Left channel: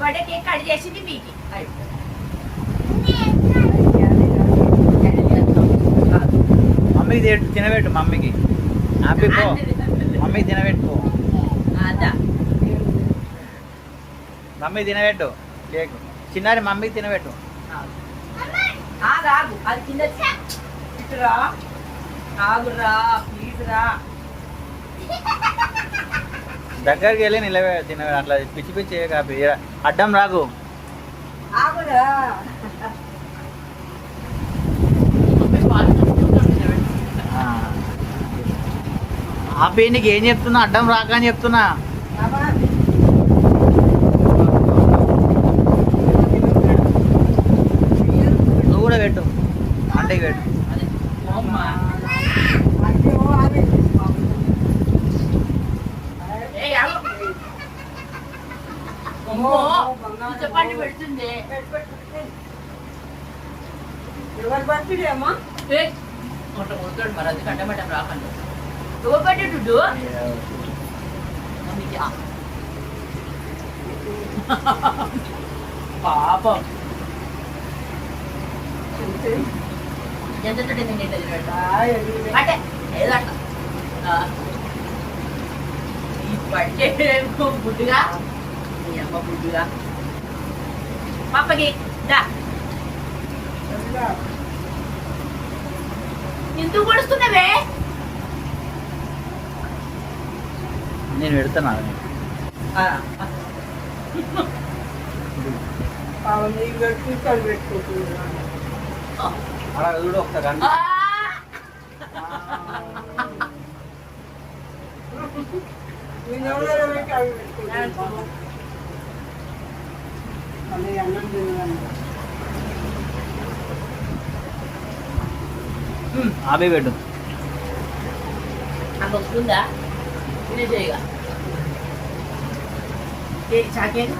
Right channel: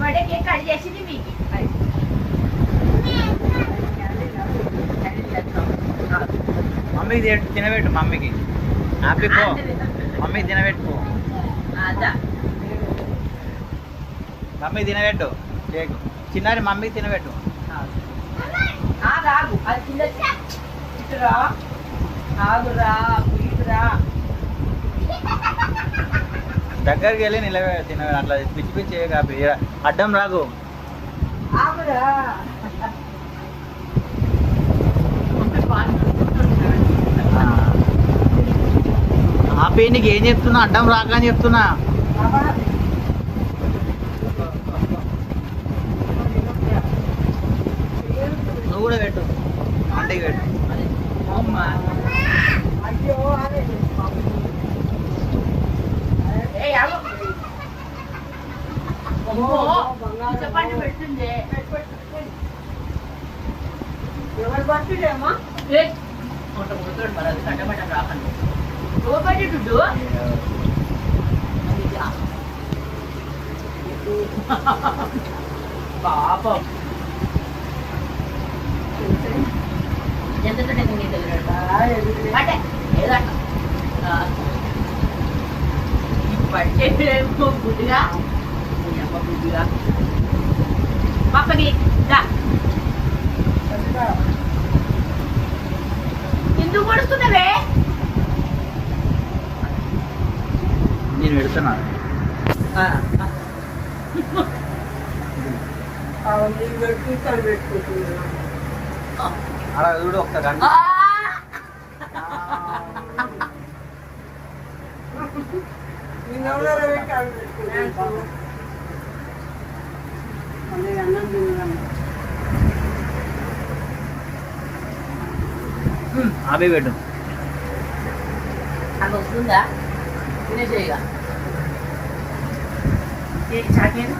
Birthday cake cut చేసింది మీకు. మమ్మీకి తినబెట్టు, మమ్మీకి హ్యాపీ పో, మమ్మీకి తినబెట్టు, మమ్మీ తినబెట్టు కేక్. చిన్నారి మమ్మీకి తినబెట్టు. ఆగు అది కింద ఇటురా, ఆగురా ప్లీజ్ రా. దగ్గరికి వెళ్ళి నిలబె తిన, అట్లా పిచ్చి పిచ్చి అడ్డం రాకు. ఆగురా ఆపే, నీకు ఏం చెప్తున్నా, అడ్డం రాక అని చెప్తున్నా. నువ్వు కూడా పెట్టు, ఆంటీకి పెట్టు. చెప్పండి పెడుతుంది ఎవరు బర్త్డే అమ్మా? మరి అది కట్టబట్ట రాకండి. ఎవరు పట్టేటు పాపం ఎంత అంటే ఏదట పట్టే గుడ్డుగా గుడ్డుగా పప్పకి ఎందుకు పడుస్తున్నావే? నేను పెడుతున్నా. అలా చూడు ఒకసారి. ఆపే పెట్టు. అది వస్తుందా? తినేసేయగా చాకేది